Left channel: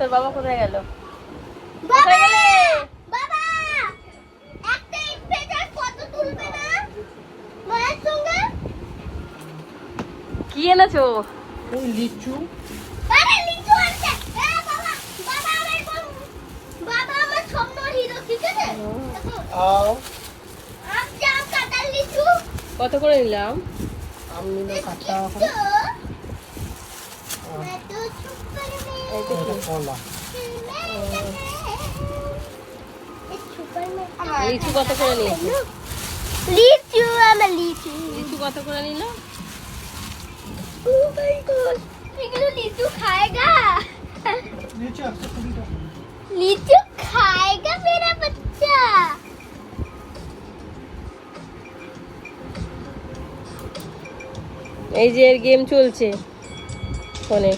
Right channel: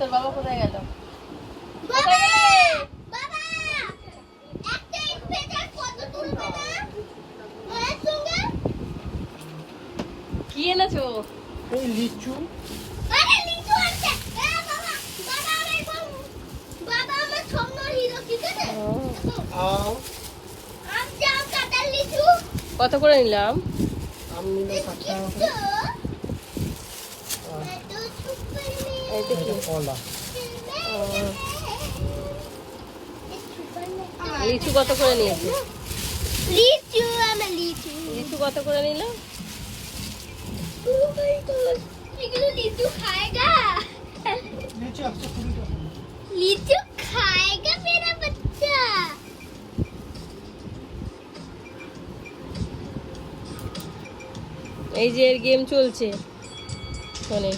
তোর বাবা কোথায় গেল? বাবা বাবা একটা স্পেশাল ফটো তুলবে না মায়ের সঙ্গে? কি এনেছো? এই লিচু। আরে লিচু আছে। বাবা বাবা বাবা আমার স্বপ্ন হিরো, ঠিক আছে? আম জাম কাঁঠাল লিচু। কত করে নিলাম? আম নিল 60 টাকা করে। এটা কলা। লিচু কত করে নিয়েছি? লিচু আমার লিচু। লিচু কত করে নিল? ও মাই গড, এগুলো লিচু খাएगा? লিচু 120 টাকা। লিচু খাएगा मेरा बच्चा? এই যে এর গেম চলছে ফোনে।